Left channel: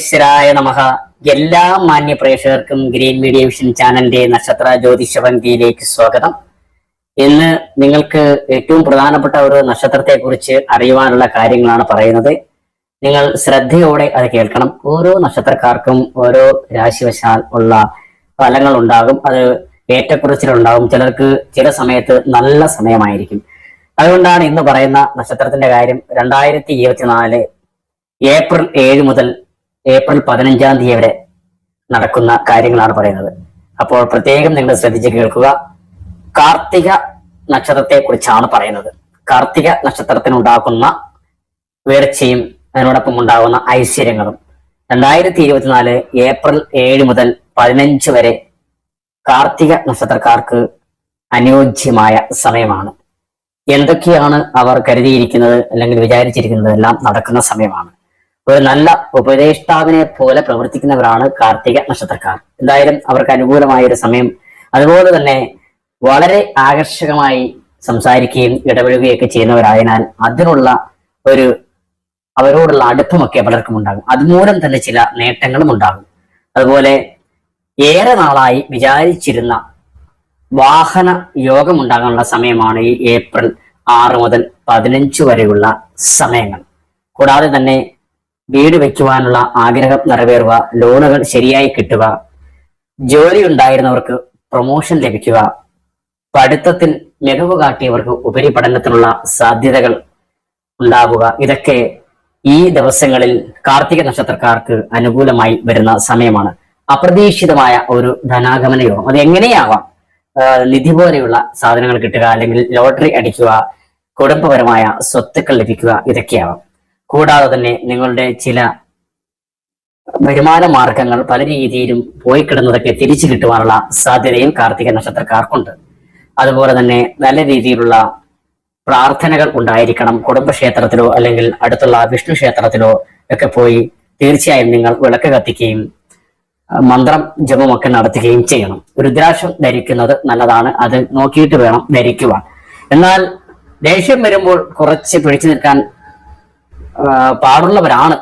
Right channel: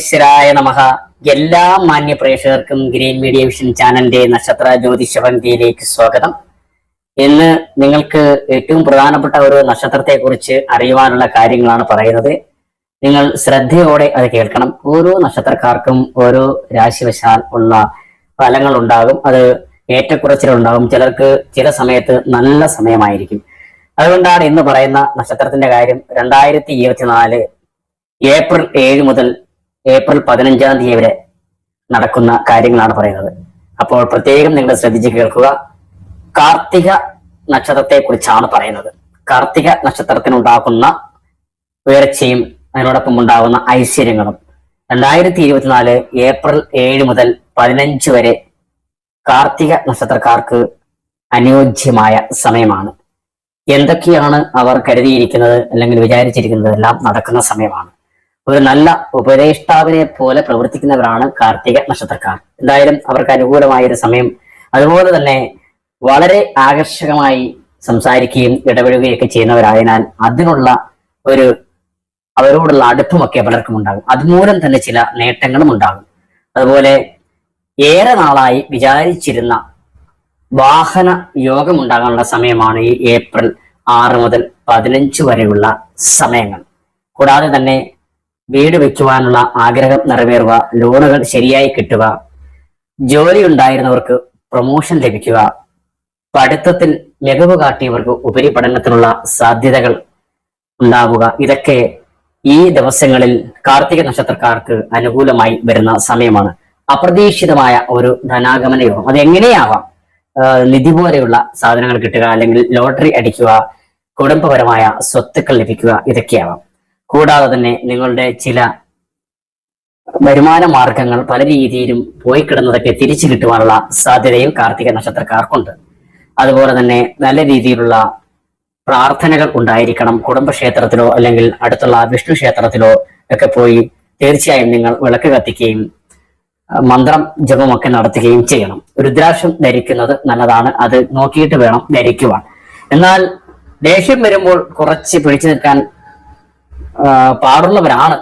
സർവേശ്വരായ നമഹ എല്ലാ മാന്യ പ്രേക്ഷകർക്കും ഗ്രീൻ മീഡിയ വിഷൻ ചാനലിന്റെ നക്ഷത്ര ജ്യോതിഷ പന്തിയിലേക്ക് സ്വാഗതം. ഇന്ന് നിങ്ങൾക്ക് ഏറ്റവും പ്രധാനപ്പെട്ട ഒരു നക്ഷത്രത്തെ കുറിച്ച് അറിയുവാനുള്ള കാര്യങ്ങളാണ് പറയുന്നത്. നിങ്ങൾ ശ്രദ്ധയോടെ അത് കേൾക്കണം. ഓരോ നക്ഷത്രക്കാർക്കും ഓരോ രാശിവശാൽ ഉള്ള ഫലങ്ങൾ ഉണ്ടാകും അത് ഏറ്റക്കുറച്ചിലുണ്ടാകും. ചിലർക്ക് ചില സമയത്ത് നല്ല സമയമായിരിക്കും. അതുകൊണ്ടാണ് ഇന്ന് പറയുന്ന നക്ഷത്രത്തിന്റെ കാര്യം രണ്ടായിരത്തി ഏപ്രിൽ ഏഴ് മുതൽ ഏപ്രിൽ പതിനഞ്ചാം തീയതി വരെ നടക്കുന്ന കാര്യങ്ങളാണ് പറയുന്നത്. അപ്പോൾ പ്രത്യേകം നിങ്ങൾ ശ്രദ്ധിച്ച് കേൾക്കുക. കാർത്തിക നക്ഷത്രത്തെ കുറിച്ചാണ് പറയുന്നത്. കാർത്തിക നക്ഷത്രത്തിനുണ്ടാക്കുന്ന ഉയർച്ചയും അതിനോടൊപ്പം ഉണ്ടാകുന്ന ഐശ്വര്യങ്ങളും രണ്ടായിരത്തി ഇരുപത്തിനാല് ഏപ്രിൽ ഏഴ് മുതൽ പതിനഞ്ച് വരെ കാർത്തിക നക്ഷത്രക്കാർക്ക് അനുയോജ്യമായ സമയമാണ്. എന്തൊക്കെയാണ് അവർ കരുതിയിരിക്കുന്നത് അല്ലെങ്കിൽ വിചാരിച്ചിരിക്കുന്നത് എല്ലാം നടക്കുന്ന സമയമാണ്. ഒരു നല്ല ഉപദേഷ്ടാവിനെ പോലെ പ്രവർത്തിക്കുന്നവരാണ് കാർത്തിക നക്ഷത്രക്കാർ. എന്തായാലും അവർക്ക് അനുകൂലമായ ഒരു സമയം. അതുപോലെ തന്നെ വളരെ ആകർഷകമായി സംസാരിക്കുകയും ഇടപെടുകയൊക്കെ ചെയ്യുന്നവരായതിനാൽ അതിനുള്ള ഒരു അവരോടുള്ള അടുപ്പമൊക്കെ പലർക്കും ഉണ്ടാകും. അതുമൂലം തന്നെ ചില നേട്ടങ്ങളും ഉണ്ടാകും. അതുപോലെ ഏറെ നാളായി വിചാരിച്ചിരുന്ന വാഹന യോഗം ഉണ്ടാകാനുള്ള സമയമാണ് ഈ ഏപ്രിൽ ആറ് മുതൽ പതിനഞ്ച് വരെയുള്ള സമയങ്ങൾ. കൂടാതെ തന്നെ വീട് വെക്കുവാനുള്ള ആഗ്രഹം നിറവേറുക ലോണുകൾ ശരിയായി കിട്ടുക ജോലി ഉണ്ടായിരുന്നവർക്ക് പ്രൊമോഷൻ ലഭിക്കുക പഠിത്തത്തിൽ മികവ് കാട്ടിയവർക്ക് ഉപരിപഠനത്തിനുള്ള സാധ്യതകൾ ഉണ്ടാവുക. ഇതൊക്കെ ഈ ദിവസങ്ങളിൽ കാർത്തിക നക്ഷത്രക്കാർക്ക് അനുകൂലമായി വരുന്ന സമയമാണ്. അപ്രതീക്ഷിതമായ ഒരു ധനാഗമന യോഗം. അത് എങ്ങനെയാവാം? നിധി പോലെയുള്ള സാധനങ്ങൾ കിട്ടുക അല്ലെങ്കിൽ ലോട്ടറി അടിക്കുക കുടുംബപരമായ സ്വത്തുക്കൾ ലഭിക്കുക ഇതൊക്കെയാവാം. കൂടാതെ തന്നെ നിങ്ങളുടെ ചില വരുമാന മാർഗങ്ങൾ പല രീതിയിലും പോയി കിടന്നതൊക്കെ തിരിച്ചു കിട്ടുവാനുള്ള സാധ്യതയും കാർത്തിക നക്ഷത്രക്കാർക്കുണ്ട്. അതുപോലെ തന്നെ നല്ല രീതിയിലുള്ള പ്രാർത്ഥനകൾ ഉണ്ടായിരിക്കണം. കുടുംബക്ഷേത്രത്തിലോ അല്ലെങ്കിൽ അടുത്തുള്ള വിഷ്ണു ക്ഷേത്രത്തിലോ ഒക്കെ പോയി തീർച്ചയായും നിങ്ങൾ വിളക്ക് കത്തിക്കുകയും മന്ത്രം ജപമൊക്കെ നടത്തുകയും ചെയ്യണം. രുദ്രാക്ഷം ധരിക്കുന്നത് നല്ലതാണ്. അത് നോക്കിയിട്ട് വേണം ധരിക്കുവാൻ. എന്നാൽ ദേഷ്യം വരുമ്പോൾ കുറച്ച് പിടിച്ചു നിൽക്കാൻ പാടുള്ളവരാണ്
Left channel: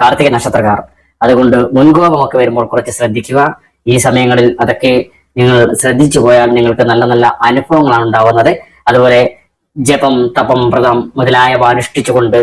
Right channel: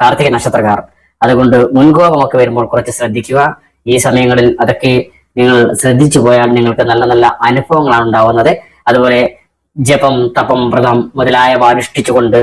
കാർത്തിക നക്ഷത്രക്കാർ. അതുകൊണ്ട് മുൻകോപമൊക്കെ വരുമ്പോൾ കുറച്ച് ശ്രദ്ധിക്കുക. ഈ സമയങ്ങളിൽ അതൊക്കെ നിങ്ങൾ ശ്രദ്ധിച്ചു പോയാൽ നിങ്ങൾക്ക് നല്ല നല്ല അനുഭവങ്ങളാണ് ഉണ്ടാവുന്നത്. അതുപോലെ ജപം തപം വ്രതം മുതലായവ അനുഷ്ഠിച്ചുകൊണ്ട്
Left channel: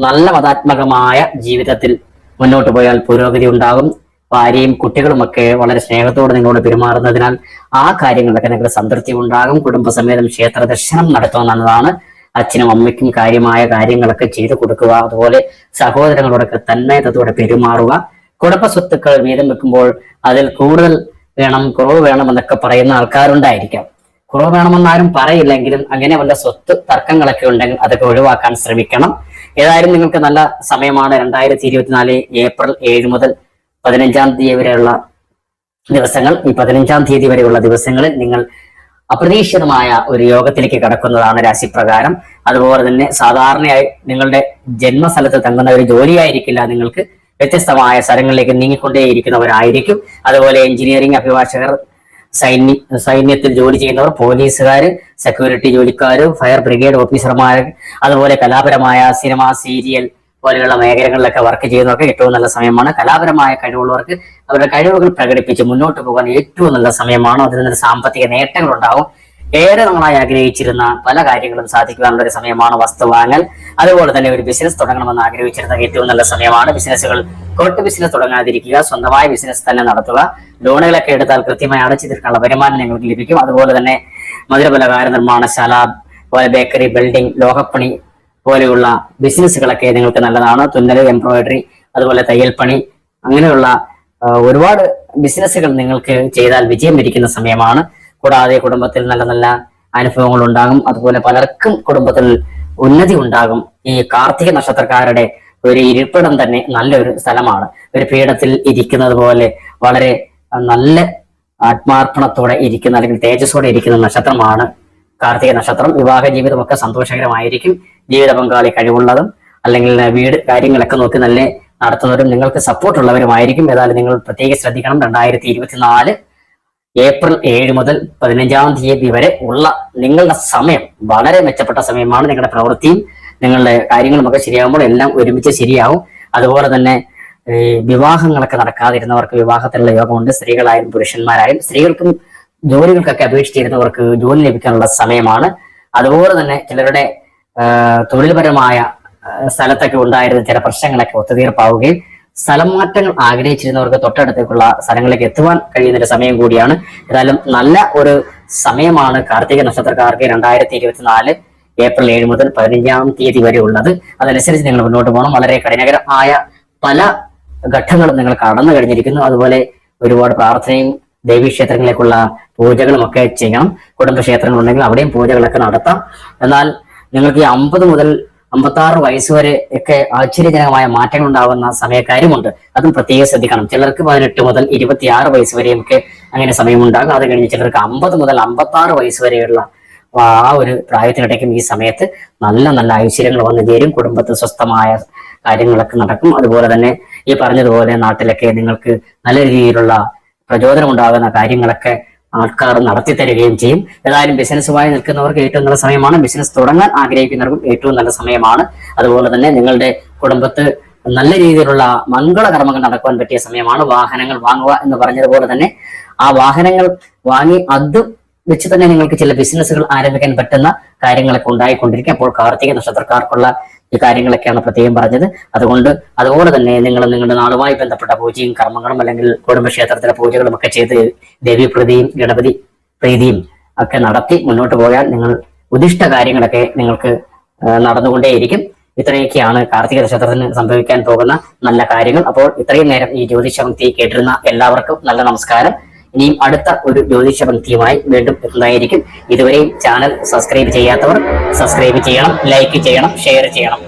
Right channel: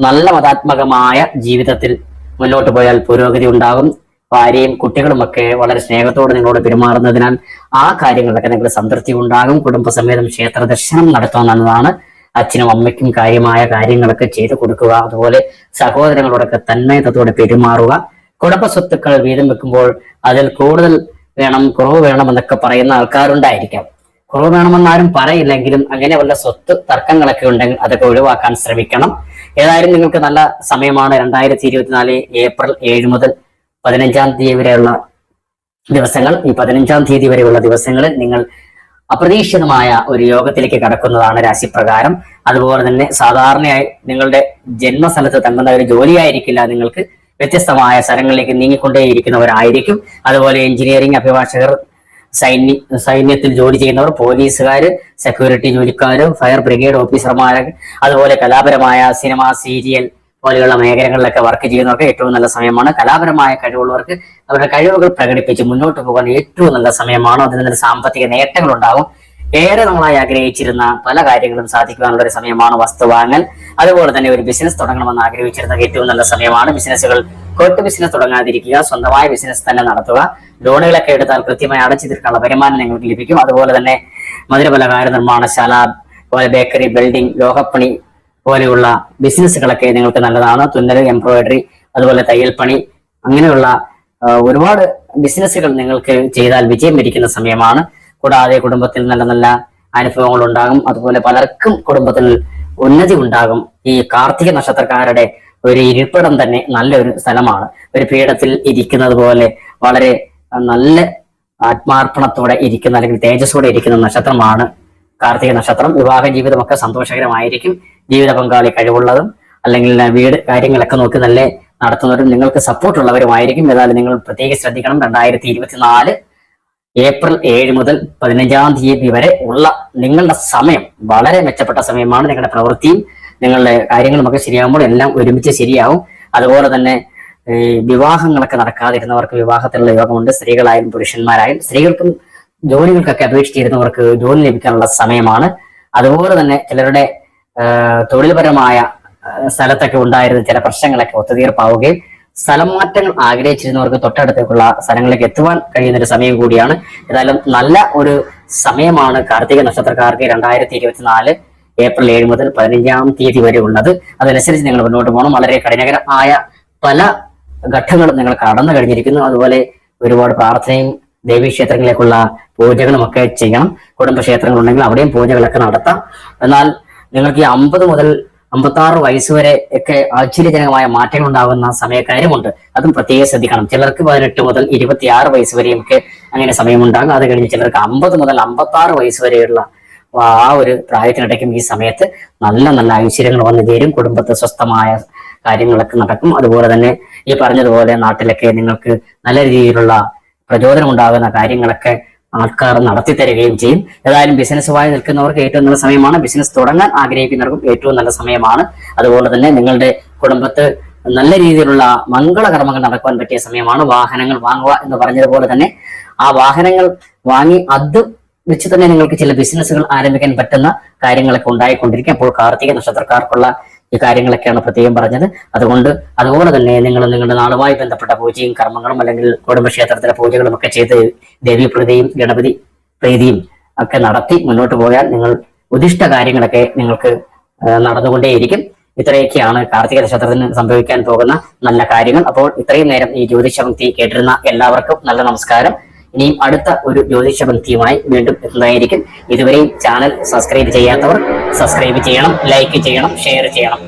നല്ല മതാത്മകമായ ജീവിതത്തിൽ മുന്നോട്ട് പോയാൽ പുരോഗതി ഉണ്ടാകും. ഭാര്യയും കുട്ടികളുമൊക്കെ വളരെ സ്നേഹത്തോടെ നിങ്ങളോട് പെരുമാറുന്നതിനാൽ ആ കാര്യങ്ങളിലൊക്കെ നിങ്ങൾക്ക് സംതൃപ്തി ഉണ്ടാകും. കുടുംബസമേതം ക്ഷേത്ര ദർശനം നടത്തുന്നതാണ് അച്ഛനും അമ്മയ്ക്കും കാര്യമായ കാര്യങ്ങളൊക്കെ ചെയ്തു കൊടുക്കുക. അതുപോലെ സഹോദരങ്ങളോടൊക്കെ തന്മയത്തത്തോടെ പെരുമാറുക. കുടുംബ സ്വത്തുക്കൾ വീതം വെക്കുമ്പോൾ അതിൽ കൂടുതൽ വേണം കുറവ് വേണം എന്നൊക്കെ പറയുന്ന ആൾക്കാരുണ്ടായിരിക്കാം. കുറവ് വേണമെന്നാരും പറയില്ലെങ്കിലും അങ്ങനെ വല്ല സ്വത്ത് തർക്കങ്ങളൊക്കെ ഉണ്ടെങ്കിൽ അതൊക്കെ ഒഴിവാക്കാൻ ശ്രമിക്കണം. ഏതായാലും നിങ്ങൾക്ക് നല്ല സമയമാണ്. രണ്ടായിരത്തി ഇരുപത്തിനാല് ഏപ്രിൽ ഏഴ് മുതൽ പതിനഞ്ചാം തീയതി വരെയുള്ള ദിവസങ്ങൾ. ഈ പതിനഞ്ചാം തീയതി വരെയുള്ള ദിവസങ്ങളിൽ നിങ്ങൾ അപ്രതീക്ഷിതമായ ഒരു യോഗത്തിലേക്ക് കടക്കുന്നതാണ് രാശിപ്രകാരം. അതുപോലെ തന്നെ സാധാരണയായി നിങ്ങളുടെ ജന്മസ്ഥലത്ത് തങ്ങുന്ന ഒരു ജോലിയായിരിക്കില്ല. നിങ്ങൾക്ക് വ്യത്യസ്തമായ സ്ഥലങ്ങളിലേക്ക് നീങ്ങിക്കൊണ്ടേയിരിക്കുന്നവരായിരിക്കും. അതുപോലെ എഞ്ചിനീയറിംഗ് അഭിഭാഷകർ സൈന്യ സൈന്യത്തിൽ ജോലി ചെയ്യുന്നവർ പോലീസുകാർ സെക്യൂരിറ്റി ജോലിക്കാർ ഫയർ ബ്രിഗേഡ് ഓഫീസർമാർ അതുപോലെ കലാപരമായ സിനിമ സീരിയൽ പോലെയുള്ള മേഖലകളിലൊക്കെ വർക്ക് ചെയ്യുന്നവർക്ക് ഏറ്റവും നല്ല സമയമാണ്. കലാപരമായ കഴിവുള്ളവർക്ക് അവരുടെ കഴിവുകൾ പ്രകടിപ്പിച്ച് മുന്നോട്ട് പോകാൻ ഏറ്റവും നല്ല സമയമാണ്. അതിൽ നിന്ന് സാമ്പത്തിക നേട്ടങ്ങൾ ഉണ്ടാകും ഏറെ നമ്മളായി ആഗ്രഹിച്ചിരുന്ന പല കാര്യങ്ങളും സാധിക്കുവാനുള്ള ഒരു സമയമാണ് വസ്തു വാങ്ങൽ. അതുപോലെ തന്നെ ഒരു ബിസിനസ് തുടങ്ങണമെന്ന് ആഗ്രഹിച്ചിരുന്ന ഏറ്റവും നല്ല സമയമാണ് ബിസിനസ്സുകൾ കോട്ട് ബിസിനസ് തുടങ്ങാതിരിക്കുക സ്വന്തമായ ബിസിനസ് തന്നെ നടത്തുക. ലോണുകളൊക്കെ എടുത്താൽ കൃത്യമായി അടച്ചു തീർക്കാനുള്ള വരുമാനം നിങ്ങൾക്ക് ലഭിക്കും. അതുപോലെ തന്നെ മധുരപലകാര നിർമ്മാണശാല ബേക്കറി ബിൽഡിംഗ് ലോഹപ്പണി പോലെയുള്ള ബിസിനസ്സുകളൊക്കെ നിങ്ങൾക്ക് നല്ലതാണ്. തുന്നൽ എംബ്രോയിഡറി അതുപോലെ തയ്യൽപ്പണി അങ്ങനെയുള്ള ഒരുപാട് ബിസിനസ്സുകൾ നിങ്ങൾക്ക് ചെയ്താൽ വിജയം ഇരിക്കുന്ന സമയമാണ്. കൂടാതെ കുടുംബത്തിൽ നല്ല നല്ല അനുഭവങ്ങൾ ഉണ്ടാകും. അതുപോലെ പലർക്കും കുടുംബത്തിൽ ഉന്നതി ഉണ്ടാകും. ഈ കാർത്തിക നക്ഷത്രക്കാരുടെ ഒരു ഇരിപ്പിടം തന്നെ നല്ലൊരു സ്ഥലമാണ്. ഒരു പീഠത്തിൽ ഇരിക്കുന്നത് പോലെ വളരെ നല്ല ആത്മാർപ്പണത്തോടെ ഇരിക്കുന്ന അല്ലെങ്കിൽ തേജസ്സോടെ ഇരിക്കുന്ന നക്ഷത്രമാണ് കാർത്തിക നക്ഷത്രം. വിവാഹ ജീവിതമൊക്കെ സന്തോഷകരമായിരിക്കും. ജീവിത പങ്കാളി കഴിവുള്ളതും അല്ലെങ്കിൽ വീട് കാര്യങ്ങളൊക്കെ നോക്കി നല്ല നടത്തുന്നവരും നിങ്ങൾക്ക് സപ്പോർട്ട് ഉള്ളവരുമായിരിക്കും. ഏതായാലും നിങ്ങൾ പ്രത്യേകം ശ്രദ്ധിക്കണം. രണ്ടായിരത്തി ഇരുപത്തിനാല് ഏപ്രിൽ ഏഴ് മുതൽ പതിനഞ്ചാം തീയതി വരെ ഉള്ള നിങ്ങളുടെ സമയം വളരെ മെച്ചപ്പെട്ട സമയമാണ് നിങ്ങളുടെ പ്രവൃത്തിയും നിങ്ങളുടെ കാര്യങ്ങളുമൊക്കെ ശരിയാകുമ്പോൾ എല്ലാം ഒരുമിച്ച് ശരിയാവും. അതുപോലെ തന്നെ വിവാഹങ്ങളൊക്കെ നടക്കാതിരുന്നവർക്ക് വിവാഹത്തിലുള്ള യോഗമുണ്ട്. സ്ത്രീകളായും പുരുഷന്മാരായും സ്ത്രീകൾക്കും ജോലികൾക്കൊക്കെ അപേക്ഷിച്ചിരുന്നവർക്ക് ജോലി ലഭിക്കാനുള്ള സമയമാണ്. അതുപോലെ തന്നെ ചിലരുടെ തൊഴിൽപരമായ സ്ഥലത്തൊക്കെ ഉണ്ടായിരുന്ന ചില പ്രശ്നങ്ങളൊക്കെ ഒത്തുതീർപ്പാവുകയും സ്ഥലം മാറ്റങ്ങൾ ആഗ്രഹിച്ചിരുന്നവർക്ക് തൊട്ടടുത്തേക്കുള്ള സ്ഥലങ്ങളിലേക്ക് എത്തുവാൻ കഴിയുന്ന ഒരു സമയം കൂടിയാണ്. ഏതായാലും നല്ല ഒരു സമയമാണ് കാർത്തിക നക്ഷത്രക്കാർക്ക് രണ്ടായിരത്തി ഇരുപത്തിനാല് ഏപ്രിൽ ഏഴ് മുതൽ പതിനഞ്ചാം തീയതി വരെ ഉള്ളത്. അതനുസരിച്ച് നിങ്ങൾ മുന്നോട്ട് പോകണം. വളരെ കഠിനകരമായ പല ഘട്ടങ്ങളും നിങ്ങൾ കടന്നു കഴിഞ്ഞിരിക്കുന്നു. അതുപോലെ ഒരുപാട് പ്രാർത്ഥനയും ദേവീക്ഷേത്രങ്ങളിലേക്കുള്ള പൂജകളും ഒക്കെ ചെയ്യണം. കുടുംബക്ഷേത്രങ്ങളുണ്ടെങ്കിൽ അവിടെയും പൂജകളൊക്കെ നടത്താം. എന്നാൽ നിങ്ങൾക്ക് ഈ അമ്പത് മുതൽ അമ്പത്തി ആറ് വയസ്സ് വരെ ഒക്കെ ആശ്ചര്യജനകമായ മാറ്റങ്ങൾ ഉണ്ടാകുന്ന സമയക്കാരുമുണ്ട് അതും പ്രത്യേകം ശ്രദ്ധിക്കണം. ചിലർക്ക് പതിനെട്ട് മുതൽ ഇരുപത്തിയാറ് വയസ്സ് വരെയൊക്കെ അങ്ങനെ സമയമുണ്ടാകും. അത് കഴിഞ്ഞ് ചിലർക്ക് അമ്പത് മുതൽ അമ്പത്തി ആറ് വയസ്സ് വരെയുള്ള ആ ഒരു പ്രായത്തിനിടയ്ക്കും ഈ സമയത്ത് നല്ല നല്ല ഐശ്വര്യങ്ങൾ വന്നു ചേരും. കുടുംബത്തെ സ്വസ്ഥമായ കാര്യങ്ങളൊക്കെ നടക്കും. അതുപോലെ തന്നെ ഈ പറഞ്ഞതുപോലെ നാട്ടിലൊക്കെ നിങ്ങൾക്ക് നല്ല രീതിയിലുള്ള പ്രചോദനം ഉണ്ടാകുന്ന കാര്യങ്ങളൊക്കെ ആൾക്കാർ നടത്തി തരികയും ചെയ്യും. ഏതായാലും ബിസിനസ്സുമായി നിൽക്കുന്നവർക്ക് ഏറ്റവും നല്ല സമയമാണ്. ബിസിനസ് തുടങ്ങാൻ ആഗ്രഹിക്കുന്നവർക്കും ഏറ്റവും നല്ല സമയമാണ്. അതുപോലെ തന്നെ നിങ്ങളുടെ കുടുംബത്ത് നല്ല രീതിയിലുള്ള മംഗളകർമ്മങ്ങൾ നടക്കുവാൻ പറ്റിയ സമയമാണ്. വാഹനങ്ങൾ വാങ്ങുക എന്ന് പറഞ്ഞതുപോലെ തന്നെ ആ വാഹനങ്ങൾ വാങ്ങി അത് വെച്ച് തന്നെ നിങ്ങൾക്ക് ചില ബിസിനസ്സുകൾ ആരംഭിക്കാൻ പറ്റുന്ന കാര്യങ്ങളൊക്കെ ഉണ്ടായിക്കൊണ്ടിരിക്കും. അപ്പോൾ കാർത്തിക നക്ഷത്രക്കാർക്കുള്ള കാര്യങ്ങളൊക്കെയാണ് പ്രത്യേകം പറഞ്ഞത്. അതുകൊണ്ട് അതുപോലെ തന്നെ നിങ്ങൾ നിങ്ങളുടെ നാളുമായി ബന്ധപ്പെട്ട പൂജയും കർമ്മങ്ങളും അല്ലെങ്കിൽ കുടുംബക്ഷേത്രത്തിലെ പൂജകളും ഒക്കെ ചെയ്ത് ദേവി പ്രതിയും ഗണപതി പ്രീതിയും ഒക്കെ നടത്തി മുന്നോട്ട് പോയാൽ നിങ്ങൾ ഉദിഷ്ട കാര്യങ്ങളൊക്കെ നിങ്ങൾക്ക് നടന്നുകൊണ്ടേയിരിക്കും. ഇത്രയൊക്കെയാണ് കാർത്തിക നക്ഷത്രത്തിന് സംഭവിക്കാൻ പോകുന്ന നല്ല കാര്യങ്ങൾ. അപ്പോൾ ഇത്രയും നേരം ഈ ജ്യോതിഷപങ്ക്തി കേട്ടിരുന്ന എല്ലാവർക്കും നല്ല നമസ്കാരം. ഇനിയും അടുത്ത ഒരു ജ്യോതിഷ പങ്ക്തിയുമായി വീണ്ടും എത്തുന്നതായിരിക്കും. ഇതുവരെയും ചാനൽ സബ്സ്ക്രൈബ് ചെയ്യാത്തവർ സബ്സ്ക്രൈബ് ചെയ്യണം ലൈക്ക് ചെയ്യണം ഷെയർ ചെയ്യണം.